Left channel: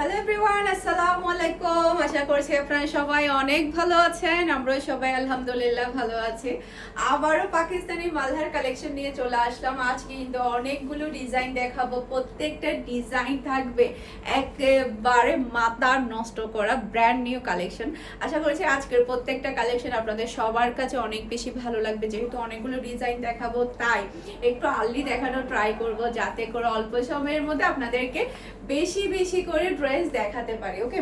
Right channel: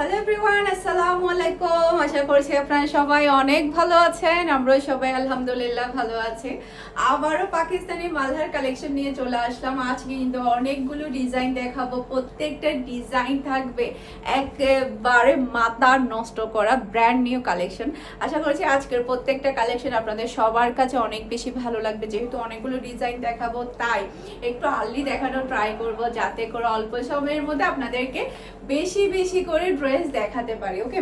Hello everyone, আসসালামু আলাইকুম। আশা করছি আপনারা সবাই অনেক ভালো আছেন। আমরা সবাই আলহামদুলিল্লাহ ভালো আছি। আবারও পাকিস্তানি মালহার কালেকশন নিয়ে চলে আসলাম। আজকে কিন্তু অনেকগুলো ডিজাইন দেখাবো, প্রত্যেকটা ডিজাইন থাকবে একেবারে মাথা নষ্ট করা ব্র্যান্ড নিউ কালেকশন। আশা করছি আজকের প্রত্যেকটা কালেকশন আপনাদের সবার কাছে অনেক বেশি ভালো লাগবে। যেহেতু অনেকগুলো ডিজাইন দেখাবো, তাই একটু আর্লি দেখানোর ট্রাই করব, যাতে করে অল্প সময়ের মধ্যে আপনাদেরকে বেশি বেশি করে ড্রেস দেখাতে পারি। ওকে,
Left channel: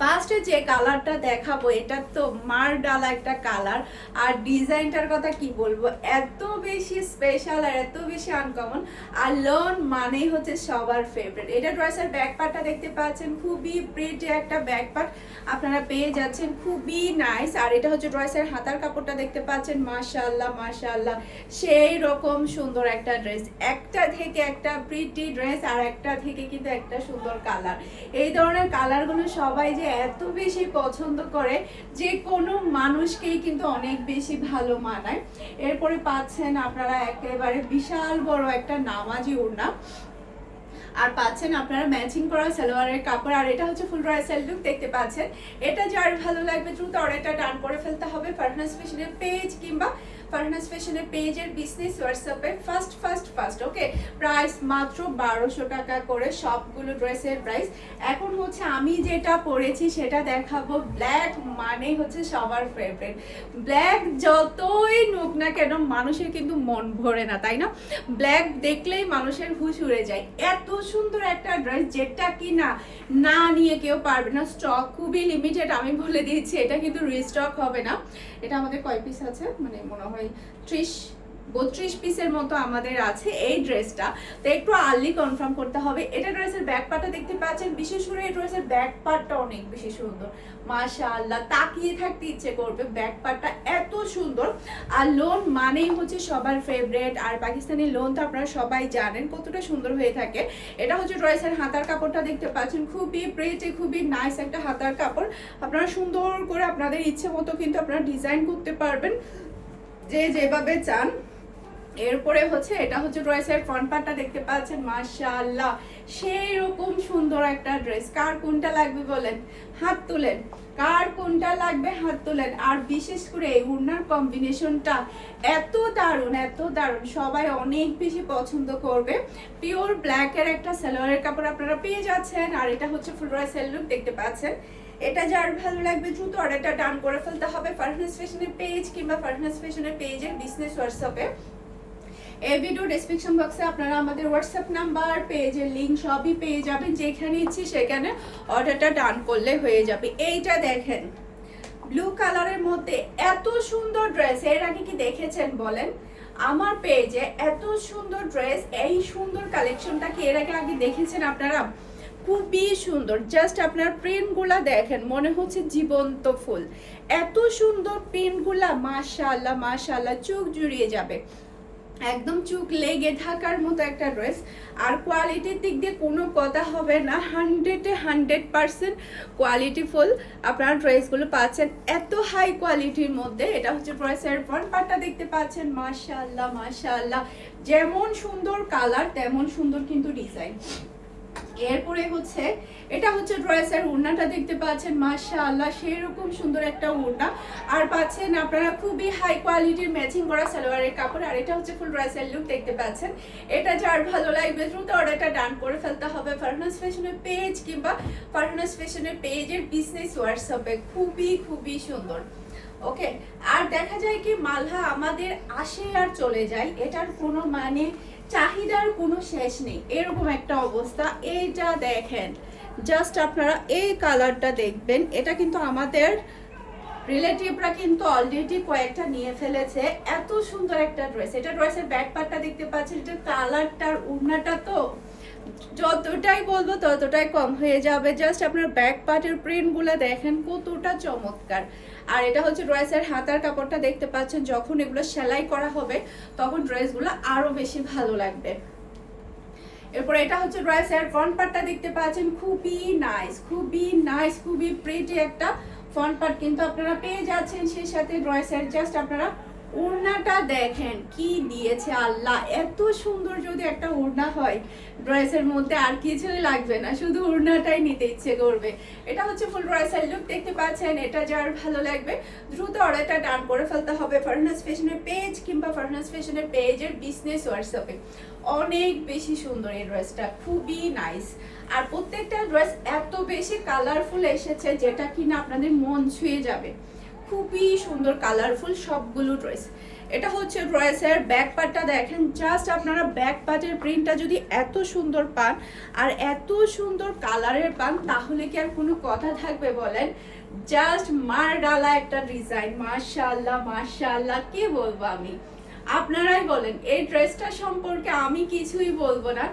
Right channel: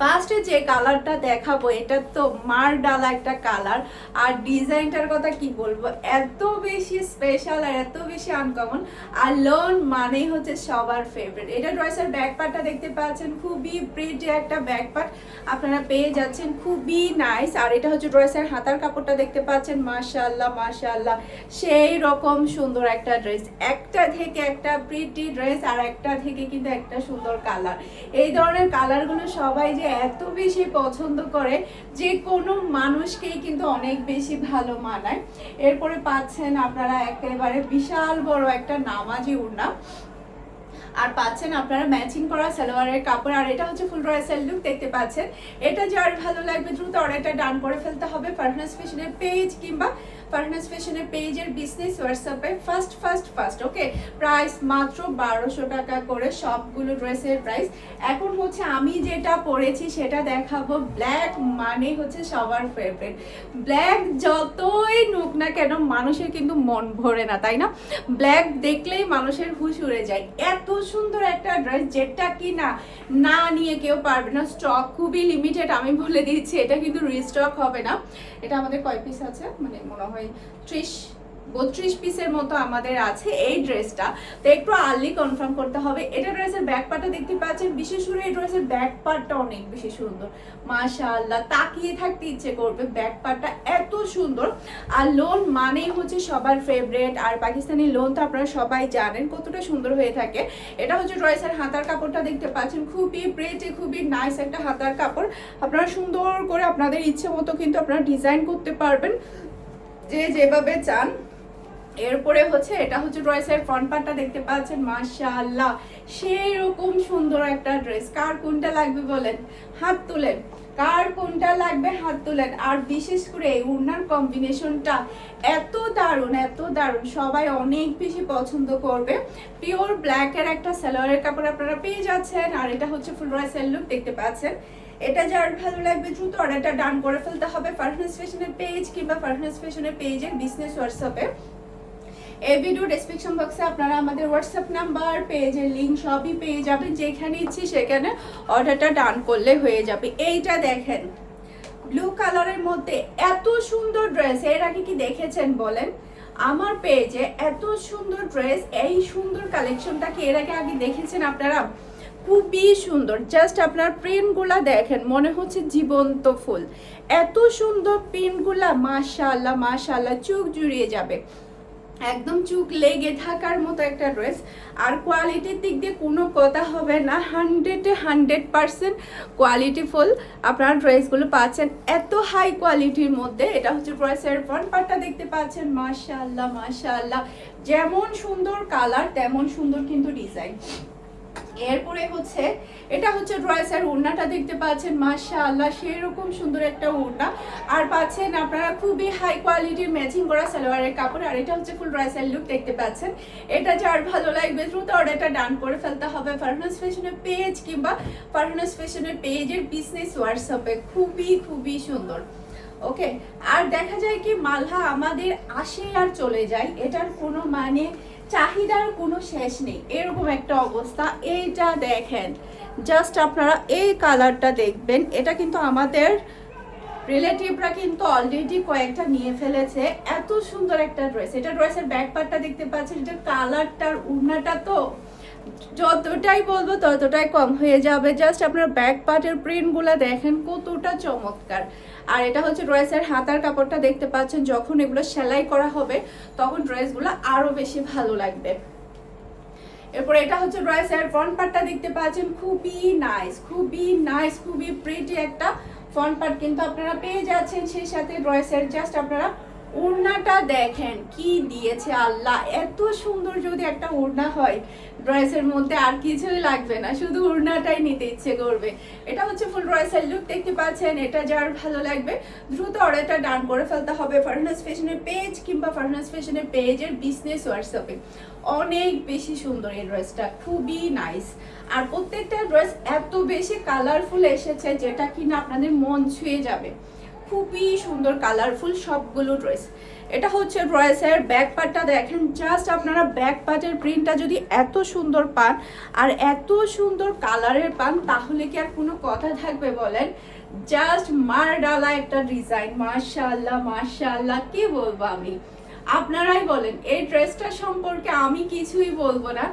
ফার্স্টে যে কালারটা দেখাবো এটা তো মার ডালা একটা কালার, আর ডিজাইনটার কথা কি বলবো, এত বেশি স্পেশাল আর এত বেশি আনকমন। আর লোন মানেই হচ্ছে সবার ফেভারিট। এটা ড্রেসের ব্যাক পার্টটা দেখতে পাচ্ছেন, খুবই প্রিটি একটা ব্যাক পার্ট আপনারা পেয়ে যাচ্ছেন, খুবই নাইস। আর এটা হচ্ছে ড্রেসের হাতার কাপড়টা দেখতে পাচ্ছেন, মাশাআল্লাহ মাশাআল্লাহ সেই রকম সুন্দর একটা ড্রেস। একটা থেকে একটা প্রিটি ড্রেস, আর একটা থেকে কিন্তু একটা সুন্দর কালার। এই ধরনের কালারগুলো সবাই যে এত বেশি পছন্দ করে, যে কোনো মানুষকেই কিন্তু অনেক বেশি ভালো মানায়। এরপরে পাচ্ছেন আপনারা একেবারে বিশাল বড় একটা নামাজি ওড়না, আর পাচ্ছেন আপনারা ম্যাচিং করা সালোয়ারের কাপড়। আর এটা হচ্ছে ফুল ড্রেসের লুক দেখতে পাচ্ছেন। এটা যার ভালো লাগবে দ্রুত অর্ডারটা ডান করে ফেলতে হবে ফারহানাস ফ্যাশনের পেজ কিংবা ফারহানাস ফ্যাশনের পেজের বিজনেস হোয়াটসঅ্যাপে ফার্স্ট। ওকে, প্রাইস মাত্র 1200 টাকা করে সবগুলো ড্রেসের প্রাইস। এখন হচ্ছে আমি যেটা পরেছি সেটা দেখাবো। ব্ল্যাক মানে হচ্ছে সবার ফেভারিট। ব্ল্যাক যতই নুক না কেন মানুষের কিন্তু মন ভরে না, তাই না? ব্ল্যাক দেখলেই মানুষের হুশ উড়ে যায়। এত সুন্দর একটা ড্রেস যেটা কি না নিয়ে কেউ পারবে না। স্টক খুবই লিমিটেড, আমি বলে দিচ্ছি, এটা কিন্তু রিস্টক হবে না। এটা আমাদের কয় পিস আছে, মানে মনে হয় 32 পিসের মতো আমাদের আছে এই ড্রেসটা। তো একটু আর্লি কনফার্ম করতে হবে। এটা ড্রেসের ব্যাক পার্টটা দেখতে পাচ্ছেন, বিশেষ করে এই ড্রেসের ব্যাক পার্টটা অনেক বেশি সুন্দর, মাশাআল্লাহ তাকিয়ে থাকতে ইচ্ছে করবে। ব্যাক পার্টটা এত সুন্দর। আর লোন মানেই হচ্ছে সবার ফেভারিট, আর পাকিস্তানি লোন তো আপনারা সবাই জানেন কতটা সুন্দর হয়ে থাকে। এটা হচ্ছে ড্রেসের হাতার কাপড়টা দেখতে পাচ্ছেন, খুবই প্রিটি, খুবই নাইস একটা হাতার কাপড়। আপনারা সুন্দর করে আপনাদের ইচ্ছে মতো কিন্তু আপনারা ডিজাইন করতে পারবেন যে যেভাবে চান। এরপরে হচ্ছে এটা হচ্ছে ড্রেসের ফ্রন্ট পার্টটা দেখতে পাচ্ছেন, মাশাআল্লাহ সেই রকম সুন্দর একটা ড্রেস। কার কোনটা লাগবে বলেন, হাত তুলেন। কার কোনটা লাগবে হাত তুলেন। আর বিশেষ করে এই ওড়নার কম্বিনেশনটা এত দারুণ, সবাই অনেক বেশি পছন্দ করবে। পিওর ব্ল্যাকের একটা সালোয়ারের কাপড় আপনারা পেয়ে যাচ্ছেন। আর এটা হচ্ছে ফুল ড্রেসের লুক দেখতে পাচ্ছেন। এটা যার ভালো লাগবে দ্রুত অর্ডারটা ডান করে ফেলতে হবে ফারহানাস ফ্যাশনের পেজ কিংবা ফারহানাস ফ্যাশনের পেজের বিজনেস হোয়াটসঅ্যাপে। এই ভিডিও ডেসক্রিপশন বক্সে আপনারা আমাদের হোয়াটসঅ্যাপ নাম্বার, পেজের লিংক সবই পেয়ে যাবেন। যেখানে ইচ্ছে সেখানে অর্ডারটা ডান করলে হয়ে যাবে। এইটা দেখেন, ব্লু কালারের মধ্যে এত সুন্দর ড্রেস এর আগে কি দেখেছেন বলেন? আমার পেজে এত সুন্দর ড্রেস, এই সুন্দর কালেকশনটা কি এর আগে দেখেছেন আপনারা? খুবই সুন্দর। জাস্ট আপনার প্রিন্টগুলা দেখেন, মনে হচ্ছে জীবন্ত ফুল। এত সুন্দর প্রিন্টগুলা, মাশাআল্লাহ মাশাআল্লাহ, চোখ জুড়িয়ে যাবে, একদম চুক লেগে থাকার মতো একটা ড্রেস। আর কোয়ালিটির দিক দিয়ে কোনো কথা হবে না, 100% কোয়ালিটিফুল আপনারা ড্রেসগুলো পাচ্ছেন এত হাই কোয়ালিটির মধ্যে। এটা হচ্ছে ড্রেসের ফ্রন্ট পার্টটা দেখতে পাচ্ছেন, মাশাআল্লাহ মাশাআল্লাহ যেমন সুন্দর কালার তেমন সুন্দর কিন্তু ডিজাইন। এরপরে হচ্ছে এটা হচ্ছে ড্রেসের ওড়নাটা দেখতে পাচ্ছেন, মাশাআল্লাহ সেরকম সুন্দর একটা ওড়না। আর পাচ্ছেন আপনারা খুবই হাই কোয়ালিটির ম্যাচিং করা সালোয়ারের কাপড়। আর এটা হচ্ছে ফুল ড্রেসের লুক দেখতে পাচ্ছেন। এটা যার ভালো লাগবে দ্রুত অর্ডারটা ডান করে ফেলতে হবে ফারহানাস ফ্যাশনের পেজ কিংবা ফারহানাস ফ্যাশনের পেজের বিজনেস হোয়াটসঅ্যাপে। খুবই সুন্দর। ওকে, আর দেখা যায় কি মালহা আমাদের আসে আর চলে যায়, এটার কোনো মানে চাহিদার কোনো শেষ নেই, এরকম একটা অবস্থা। এইটা দেখেন, জাস্ট আপনারা এই কালারটা দেখবেন। এটা কিন্তু আমাদের রিলেটিভরা কিন্তু অলরেডি কয়েকটা নিয়ে ফেলেছে। এত সুন্দর একটা ড্রেস। এটা ড্রেসের ব্যাক পার্টটা দেখতে পাচ্ছেন, এটা কালারটার ওড়নাটা তো যতটাই বলবো ততটাই কম হয়ে যাবে। জাস্ট আপনার ব্যাক পার্টের প্রিন্টগুলো দেখেন কতটা চমৎকার। আর এটা হচ্ছে ড্রেসের হাতার কাপড়টা দেখতে পাচ্ছেন, যখন এগুলো সেলাই করা হবে তখন ড্রেসগুলো আরো বেশি ভালো লাগবে। এরপর এটা হচ্ছে ড্রেসের ফ্রন্ট পার্টটা দেখতে পাচ্ছেন, খুবই প্রিটি একটা ফ্রন্ট পার্ট কিন্তু আপনারা পেয়ে যাচ্ছেন। সেই সাথে ড্রেসের জাস্ট আপনারা ওড়নাটা দেখেন কি দিয়েছে আল্লাহ, এত সুন্দর যদি একটা ওড়না হয় ড্রেসের মধ্যে আর কিছুই লাগবে না, শুধু ওড়নাটাই নিতে ইচ্ছে করবে। এটা হচ্ছে ফুল ড্রেসের লুক দেখতে পাচ্ছেন। এটা যার ভালো লাগবে দ্রুত অর্ডারটা ডান করে ফেলতে হবে ফারহানাস ফ্যাশনের পেজ কিংবা ফারহানাস ফ্যাশনের পেজের বিজনেস হোয়াটসঅ্যাপে। অনেক বেশি সুন্দর এই ড্রেসটা, খুবই নাইস। আর প্রত্যেকটা ড্রেস এত বেশি কালারফুল এসেছে যেটা কিনা আপনাদের মন ছুঁয়ে যাবে। খুবই সুন্দর কালারফুল সবগুলো ড্রেস। এটা হচ্ছে ড্রেসের ব্যাক পার্টটা দেখেন, জাস্ট আপনারা ব্যাক পার্টের প্রিন্টটা যদি এত সুন্দর পান আর এত সুন্দর কালারের পান তাহলে কি আর কোনো কথা থাকবে বলেন? জাস্ট মার ডালা একটা ডিজাইন, মাশাআল্লাহ মাশাআল্লাহ, কি বলবো আমি, আপনারাই বলেন। এই ড্রেসটা সম্পর্কে আমি কিছুই বলবো না,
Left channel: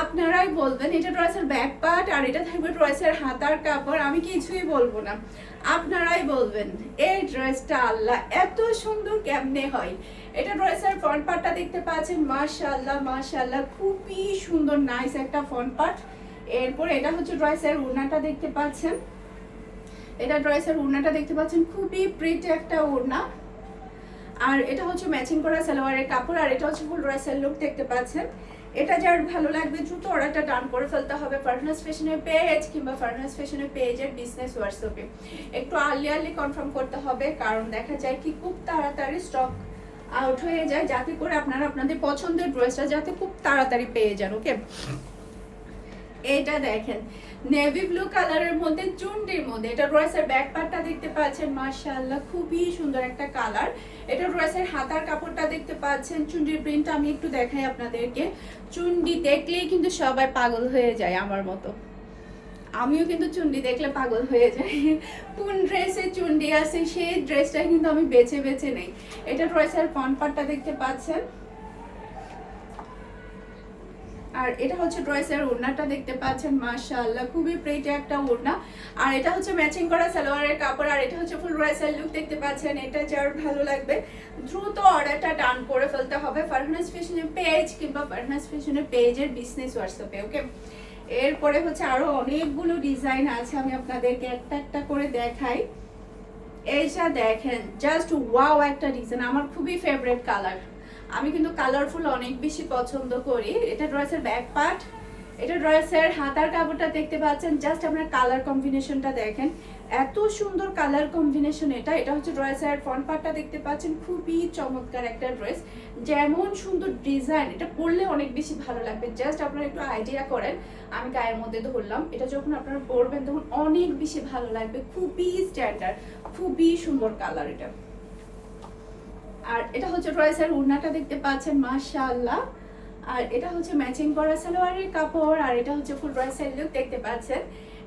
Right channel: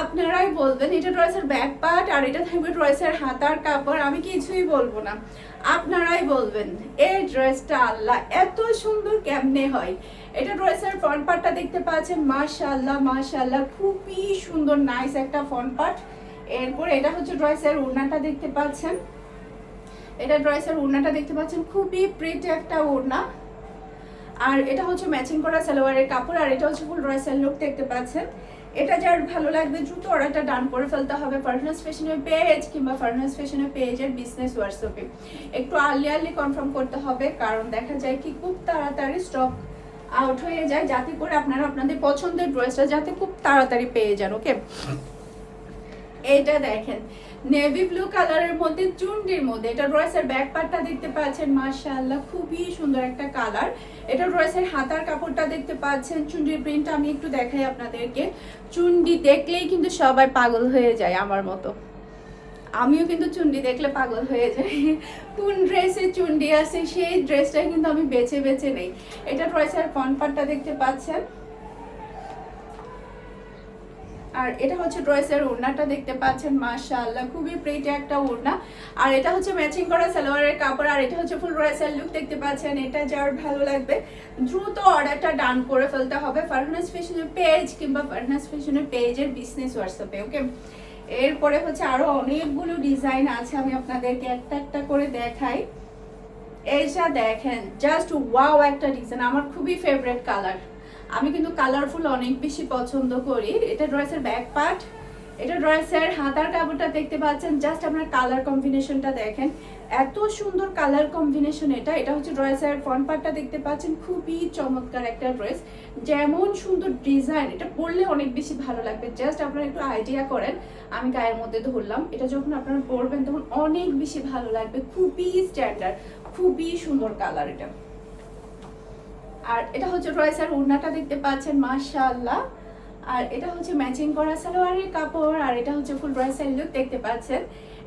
আপনারাই বলবেন। এটা ড্রেসের ব্যাক পার্ট আর এটা থাকবে ড্রেসের হাতার কাপড়, আমি কিছুই বলবো না, আপনারাই বলবেন এই ড্রেসটা আল্লাহ এত সুন্দর কেমনে হয়। এটা ড্রেসের ফ্রন্ট পার্টটা দেখতে পাচ্ছেন, মাশাআল্লাহ মাশাআল্লাহ, খুবই সুন্দর নাইস একটা ফ্রন্ট পার্ট। এরপর এটা হচ্ছে ড্রেসের ওড়নাটা দেখতে পাচ্ছেন, এটা ড্রেসের ওড়নাটা দেখতে পাচ্ছেন, খুবই প্রিটি একটা ওড়না। আর এটা হচ্ছে ম্যাচিং করা সালোয়ারের কাপড় আর এটা হচ্ছে ফুল ড্রেসের লুক দেখতে পাচ্ছেন। এটা যার ভালো লাগবে দ্রুত অর্ডারটা ডান করে ফেলতে হবে ফারহানাস ফ্যাশনের পেজ কিংবা ফারহানাস ফ্যাশনের পেজের বিজনেস হোয়াটসঅ্যাপে। একটু আর্লি কনফার্ম করতে হবে, কারণ দেখা যায় কি খুব তাড়াতাড়ি স্টক আউট হয়ে যায়, যাতে করে আপনারা আপনাদের পছন্দের ড্রেসটা যাতে খুব তাড়াতাড়ি পেয়ে যান। ওকে, এইটা দেখেন নেভি ব্লু কালারের মধ্যে চুনটির মধ্যে, এটা ড্রেসের ব্যাক পার্টটা দেখতে পাচ্ছেন, মাশাআল্লাহ খুবই সুন্দর একটা কালার। এটা ড্রেসের হাতার কাপড়টা দেখতে পাচ্ছেন, চুন্ডির প্রিন্টটা আমি একটু দেখাই আপনাদেরকে। চুন্ডি দেখলেই কিন্তু সবাই পাগল হয়ে যায় আমার মতো, আমিও কিন্তু চুন্ডি দেখলে পাগল হয়ে যাই। কোন ড্রেসে চুন্ডি আছে সেই ড্রেসটা কিন্তু আমি বেছে বেছে নেই। এটা ড্রেসের ফ্রন্ট পার্টটা দেখতে পাচ্ছেন, আর এটা হচ্ছে ড্রেসের ওড়নাটা দেখতে পাচ্ছেন, মাশাআল্লাহ খুবই প্রিটি একটা ওড়না। আর এটা হচ্ছে ম্যাচিং করা সালোয়ারের কাপড় আর এটা হচ্ছে ফুল ড্রেসের লুক দেখতে পাচ্ছেন। এটা যার ভালো লাগবে দ্রুত অর্ডারটা ডান করে ফেলতে হবে ফারহানাস ফ্যাশনের পেজ কিংবা ফারহানাস ফ্যাশনের পেজের বিজনেস হোয়াটসঅ্যাপে। ওকে, এরপরে হচ্ছে আরো অনেকগুলো ডিজাইন আছে, আমি আপনাদেরকে একটা একটা করে দেখাই। এইটা দেখেন, জাস্ট ওয়াও একটা ডিজাইন, আমার খুবই ফেভারিট কালার। আমি কিন্তু কালারফুল অনেক বেশি পছন্দ করি। এটা ড্রেসের ব্যাক পার্ট, এটা ড্রেসের হাতার কাপড়টা দেখতে পাচ্ছেন, জাস্ট আপনার কালার কম্বিনেশনটা দেখেন, এত সুন্দর কালার কম্বিনেশন। এটা হচ্ছে ড্রেসের ফ্রন্ট পার্টটা দেখতে পাচ্ছেন, খুবই চমৎকার একটা ড্রেস, যেমন সুন্দর ডিজাইন, এটা পরলে অনেক বেশি ভালো লাগবে। জাস্ট আপনারা একটু আইডিয়া করেন, আমি গায়ের মধ্যে ধরলাম, এটা যখন আপনারা পরবেন তখন অনেক বেশি ভালো লাগবে, খুবই স্ট্যান্ডার্ড, খুবই সুন্দর কালার এটা। আর এটা হচ্ছে ড্রেসের ওড়নাটা দেখতে পাচ্ছেন, মাশাআল্লাহ। আর এটা হচ্ছে ম্যাচিং করা সালোয়ারের কাপড় আর এটা হচ্ছে ফুল ড্রেসের লুক দেখতে পাচ্ছেন।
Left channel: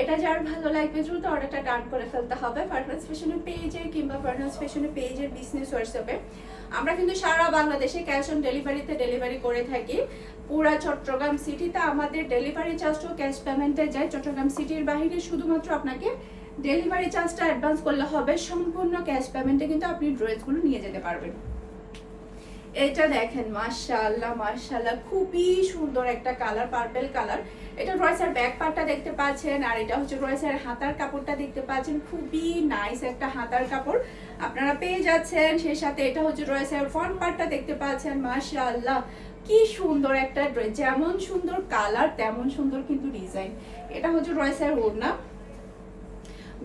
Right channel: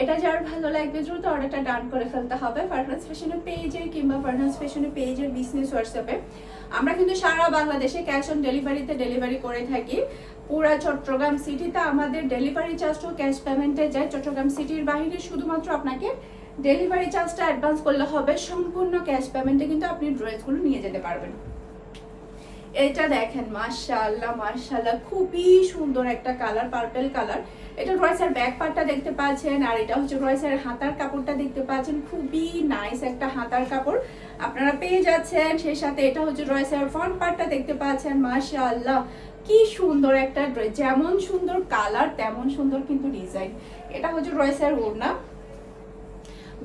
এটা যার ভালো লাগবে দ্রুত অর্ডারটা ডান করে ফেলতে হবে ফারহানাস ফ্যাশনের পেজে কিংবা ফারহানাস ফ্যাশনের পেজের বিজনেস হোয়াটসঅ্যাপে। আমরা কিন্তু সারা বাংলাদেশে ক্যাশ অন ডেলিভারিতে ডেলিভারি করে থাকি। পুরা চট্টগ্রাম সিটিতে আমাদের ডেলিভারি চার্জটাও ক্যাশ পেমেন্টে যায়। চট্টগ্রাম সিটির বাইরে শুধুমাত্র আপনাকে ডেলিভারি চার্জটা অ্যাডভান্স করলে হবে, সম্পূর্ণ ক্যাশ পেমেন্টে কিন্তু আপনি ড্রেসগুলো নিয়ে যেতে পারবেন। এটা দেখেন, মাশাআল্লাহ মাশাআল্লাহ খুবই সুন্দর একটা কালার, পার্পল কালার। এটা ড্রেসের ব্যাক পার্টটা দেখতে পাচ্ছেন আর এটা হচ্ছে ড্রেসের হাতার কাপড়টা দেখতে পাচ্ছেন, খুবই নাইস একটা হাতার কাপড় আপনারা পেয়ে যাচ্ছেন। সেই সাথে এটা হচ্ছে ড্রেসের ফ্রন্ট পার্টটা দেখতে পাচ্ছেন, মাশাআল্লাহ কি সুন্দর একটা ড্রেস, যেমন সুন্দর কালার তেমন সুন্দর কিন্তু ডিজাইন। এটা হচ্ছে ড্রেসের ওড়না,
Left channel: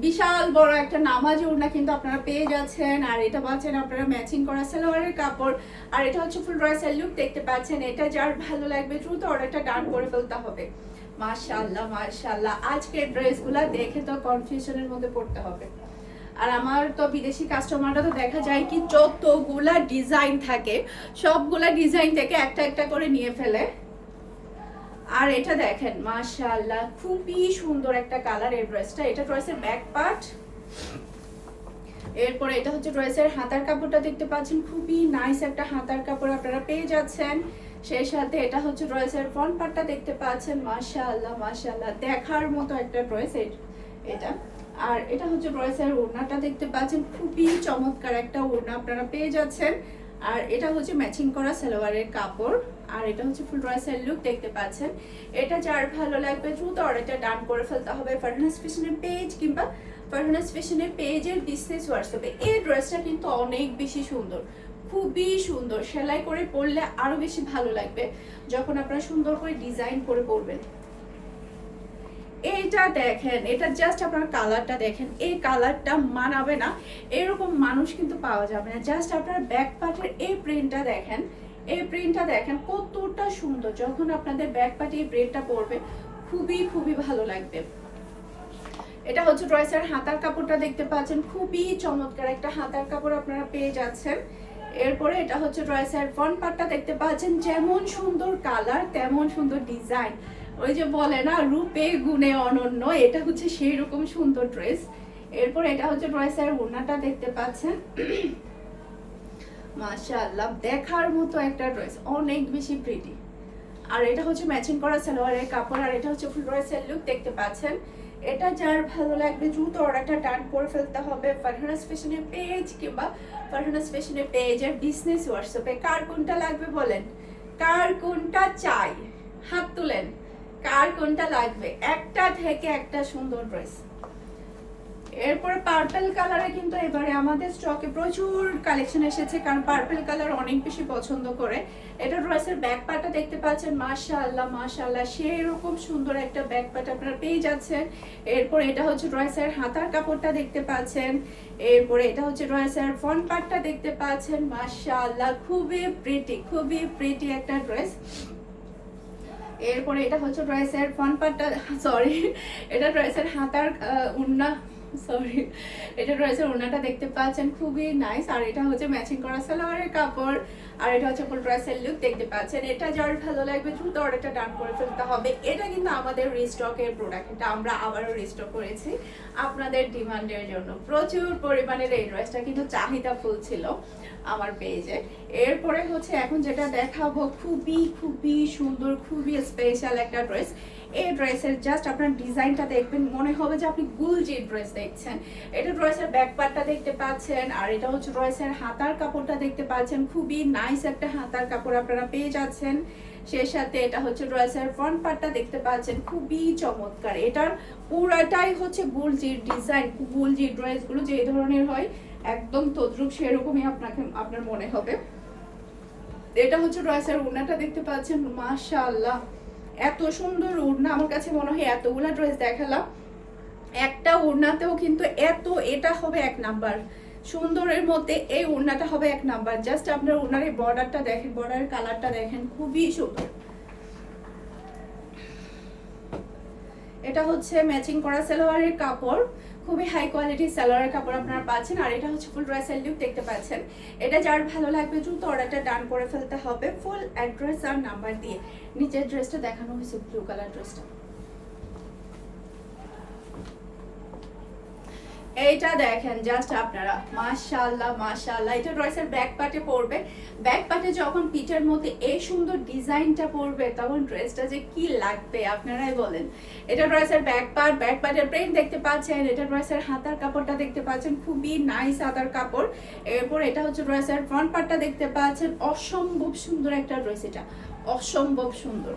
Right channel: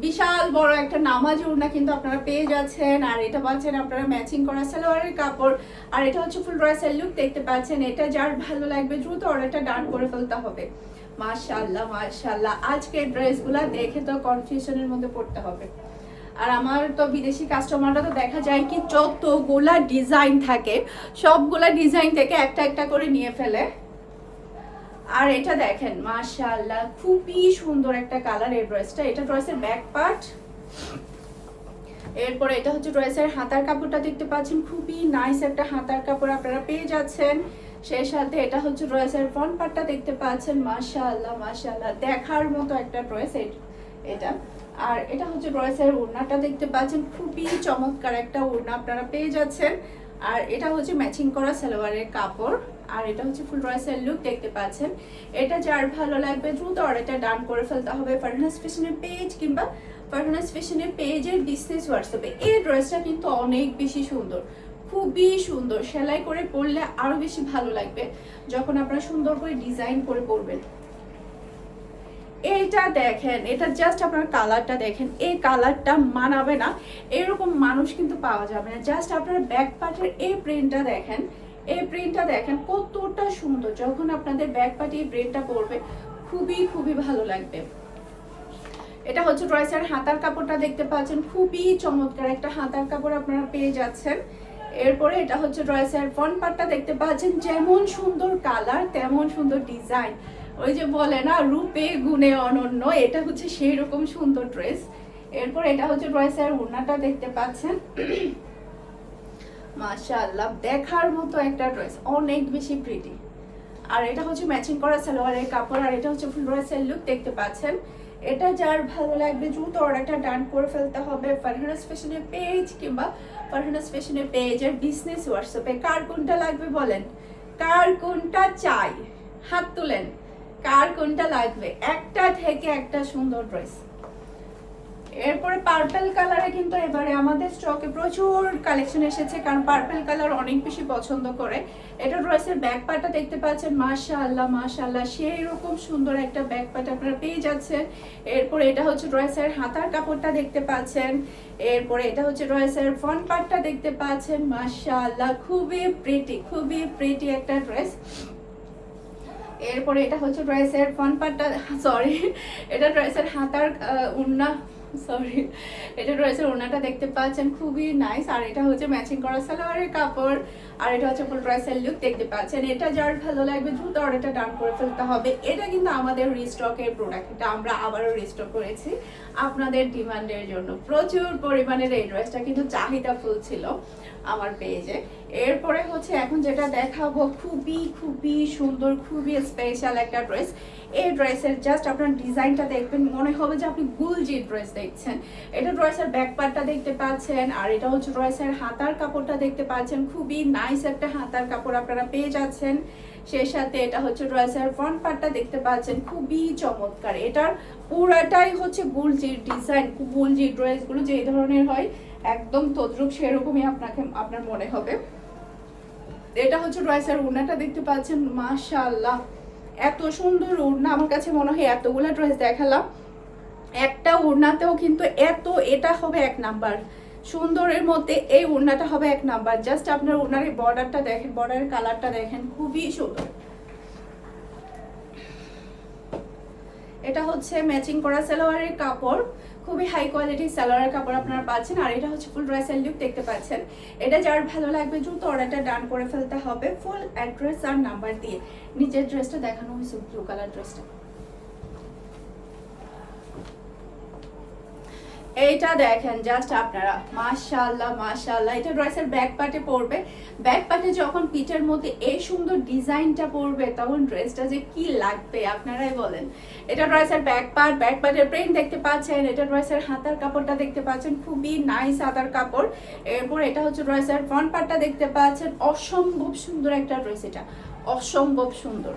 বিশাল বড় একটা নামাজি ওড়না কিন্তু আপনারা পেয়ে যাচ্ছেন। আর এটা পাচ্ছেন আপনারা ম্যাচিং করা সালোয়ারের কাপড় আর এটা হচ্ছে ফুল ড্রেসের লুক দেখতে পাচ্ছেন। এটা যার ভালো লাগবে দ্রুত অর্ডারটা ডান করে ফেলতে হবে। মাশাআল্লাহ মাশাআল্লাহ, আজকে ড্রেসগুলো দেখে তো কনফিউশনের মধ্যে পড়তে হবে। আর আমার তো বিদেশি কাস্টমাররা তো দেখা যায় কি যতগুলা ডিজাইন থাকে সবগুলা ডিজাইন থেকে একটা একটা করে নিয়ে ফেলে। আর এটা দেখেন, মাশাআল্লাহ খুবই সুন্দর একটা কালার এই ড্রেসটা। এটা ড্রেসের ব্যাক পার্ট, এরপর এটা হচ্ছে ড্রেসের হাতার কাপড়টা দেখতে পাচ্ছেন, খুবই নাইস একটা হাতার কাপড় আপনারা পেয়ে যাচ্ছেন। সেই সাথে এটা হচ্ছে ড্রেসের ফ্রন্ট পার্টটা দেখতে পাচ্ছেন, মাশাআল্লাহ মাশাআল্লাহ দেখার মতো একটা ড্রেস এটা। আর এটা হচ্ছে ড্রেসের ওড়নাটা দেখতে পাচ্ছেন, খুবই চমৎকার একটা ওড়না আপনারা পেয়ে যাচ্ছেন। আর এটা হচ্ছে ম্যাচিং করা সালোয়ারের কাপড় আর এটা হচ্ছে ফুল ড্রেসের লুক দেখতে পাচ্ছেন। এটা যার ভালো লাগবে দ্রুত অর্ডারটা ডান করে ফেলতে হবে ফারহানাস ফ্যাশনের পেজ কিংবা ফারহানাস ফ্যাশনের পেজের বিজনেস হোয়াটসঅ্যাপে। এই ড্রেসটা কিন্তু অনেক বেশি সুন্দর, খুবই সুন্দর, সেলাই করে পরলে আরো বেশি ভালো লাগবে যখন আপনারা সুন্দর করে ডিজাইন করে পরবেন। এইটা দেখেন, এটা জাস্ট আপনার কালারটা দেখেন, এই কালারটা মানাবে না এরকম মানুষ কিন্তু পাওয়া যাবে না। জাস্ট আপনার ব্যাক পার্টের এই প্রিন্টটা দেখেন, এই প্রিন্টটা দেখেন কতটা সুন্দর। যখন আপনাদের ব্যাক পার্টে এই প্রিন্টটা পরবে খুবই খুবই ভালো লাগবে। এটা হচ্ছে ড্রেসের হাতার কাপড়টা দেখতে পাচ্ছেন, খুবই চমৎকার একটা হাতার কাপড় আপনারা পেয়ে যাচ্ছেন। এরপরে এটা হচ্ছে ড্রেসের ফ্রন্ট পার্টটা দেখতে পাচ্ছেন, যেমন সুন্দর কালার তেমন সুন্দর ডিজাইন। ওই যে বলে না রূপে গুণে অনন্য, এটা হচ্ছে সেই রকম সুন্দর ড্রেস। এরপর এটা হচ্ছে ড্রেসের ওড়নাটা দেখতে পাচ্ছেন, মাশাআল্লাহ দেখার মতো একটা ড্রেস, অনেক বেশি প্রিটি। আর এটা হচ্ছে ম্যাচিং করা সালোয়ারের কাপড়, আর এটা হচ্ছে ফুল ড্রেসের লুক দেখতে পাচ্ছেন। এটা যার ভালো লাগবে দ্রুত অর্ডারটা ডান করে ফেলতে হবে ফারহানাস ফ্যাশনের পেজ কিংবা ফারহানাস ফ্যাশনের পেজের বিজনেস হোয়াটসঅ্যাপে। কার কোনটা লাগবে বলেন, কার কোনটা চাই হাত তুলেন, কার কোনটা লাগবে। একটা থেকে একটা সুন্দর ড্রেস। এরপরে পার্পল কালারে কিন্তু এবারে আমাদের স্টকে প্রচুর কালেকশন এসেছে, কারণ পার্পল কালার অনেক বেশি পছন্দ করে। এটা ড্রেসের ব্যাক পার্টটা দেখতে পাচ্ছেন, মাশাআল্লাহ মাশাআল্লাহ সেই রকম সুন্দর একটা ব্যাক পার্ট আপনারা পেয়ে যাচ্ছেন। এরপরে এটা হচ্ছে ড্রেসের হাতার কাপড়টা দেখতে পাচ্ছেন। এরপরে এটা হচ্ছে ড্রেসের ফ্রন্ট পার্টটা দেখতে পাচ্ছেন, মাশাআল্লাহ খুবই প্রিটি একটা ড্রেস। এরপরে এটা হচ্ছে ড্রেসের ফ্রন্ট পার্টটা, সরি এটা ড্রেসের হাতার ওড়না, সরি এটা ড্রেসের ওড়নাটা দেখতে পাচ্ছেন, খুবই নাইস। আর এটা হচ্ছে ম্যাচিং করা সালোয়ারের কাপড়, আর এটা হচ্ছে ফুল ড্রেসের লুক দেখতে পাচ্ছেন। এটা যার ভালো লাগবে দ্রুত অর্ডারটা ডান করে ফেলতে হবে। এটা কিন্তু আমাদের রিস্টকের প্রোডাক্ট, এটা আমরা আবারও রিস্টক করেছি আপনাদের ডিমান্ডের জন্য। প্রচুর পরিমাণের এই ড্রেসটা কিন্তু চাহিদা ফুল ছিল আমার পেজে। এরপরে হচ্ছে এখন যেটা দেখাবো খুবই সুন্দর, খুবই স্পেশাল একটা ড্রেস। এই ড্রেসের জাস্ট আপনার ডিজাইনটা দেখবেন মনে হবে যে আপনি গুলজি ড্রেস দেখছেন। এটা ড্রেসের ব্যাক পার্টটা দেখতে পাচ্ছেন, আর এটা হচ্ছে ড্রেসের হাতার কাপড়টা দেখতে পাচ্ছেন, খুবই নাইস একটা হাতার কাপড় আপনারা পেয়ে যাচ্ছেন। সেই সাথে এটা হচ্ছে ড্রেসের ফ্রন্ট পার্টটা দেখতে পাচ্ছেন, খুবই চমৎকার। এটার পুরাটাই হচ্ছে গুলজির ডিজাইন, গুলজি ড্রেসগুলো যে ধরনের হয় একদম তদ্রুপ সেরকমই আপনার মনে হবে। এটা হচ্ছে ড্রেসের ওড়নাটা দেখতে পাচ্ছেন, মাশাআল্লাহ এত সুন্দর ওড়না। আমার কাছে মনে হয় এতগুলা ড্রেস দেখালাম, একটা ওড়নাতেও কিন্তু এটা হবে এক নাম্বার সুন্দরের মধ্যে, এই ওড়নাটা হবে এক নাম্বার। জাস্ট আপনার ওড়নার এই বর্ডারটা দেখেন, বর্ডারের কালারটা দেখেন, খুবই সুন্দর। এটা হচ্ছে ম্যাচিং করা সালোয়ারের কাপড়, খুবই হাই কোয়ালিটির সালোয়ারের কাপড় আপনারা পাচ্ছেন। আর এটা হচ্ছে ফুল ড্রেসের লুক দেখতে পাচ্ছেন। এটা যার ভালো লাগবে দ্রুত অর্ডারটা ডান করে ফেলতে হবে ফুল অ্যাড্রেস আর নাম্বার দিয়ে। নিচের ড্রেসটা দেখানো হয়েছে ব্লু কালার ড্রেসটা, এইটা দেখেন জাস্ট আপনারা, মাশাআল্লাহ মাশাআল্লাহ। এটা ড্রেসের ব্যাক পার্টে পড়বে, ব্যাক পার্টে যখন পিঠের মধ্যে এই সুন্দর ডিজাইনটা পড়বে তখন ড্রেসটা যে কি লাগবে আপনারাই বলেন। এটা ড্রেসের ব্যাক পার্টের প্রিন্ট দেখতে পাচ্ছেন। এটা ড্রেসের হাতার কাপড়টা দেখতে পাচ্ছেন, খুবই নাইস হাতার কাপড়। এরপর এটা হচ্ছে ড্রেসের ফ্রন্ট পার্টটা দেখতে পাচ্ছেন, অসম্ভব সুন্দর একটা ড্রেস, এটা অসম্ভব সুন্দর।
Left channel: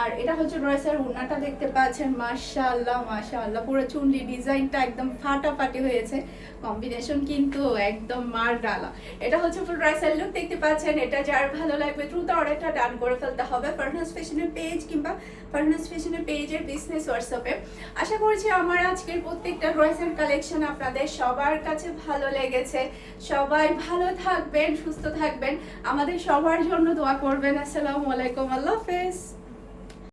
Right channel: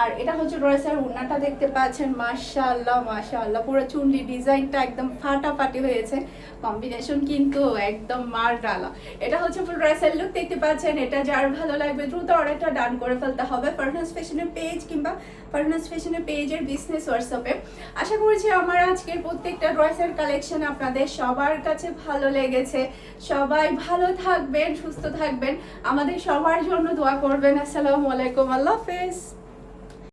আর এটা হচ্ছে ড্রেসের ওড়নাটা দেখতে পাচ্ছেন, মাশাআল্লাহ মাশাআল্লাহ পুরো চুন্ডি ডিজাইনটা একদম ফাটাফাটি হয়েছে, কম্বিনেশন কিন্তু একদম মার ডালা। এটা হচ্ছে ফুল ড্রেসের লুক দেখতে পাচ্ছেন। এটা যার ভালো লাগবে দ্রুত অর্ডারটা ডান করে ফেলতে হবে ফারহানাস ফ্যাশনের পেজ কিংবা ফারহানাস ফ্যাশনের পেজের বিজনেস হোয়াটসঅ্যাপে। আশা করছি আমার আজকের প্রত্যেকটা ড্রেসের কালেকশন আপনাদের সবার কাছে ভালো লেগেছে। সবাই ভালো থাকবেন, সুস্থ থাকবেন, আমাদের সবার জন্য দোয়া করবেন। আসসালামু আলাইকুম, আল্লাহ হাফেজ।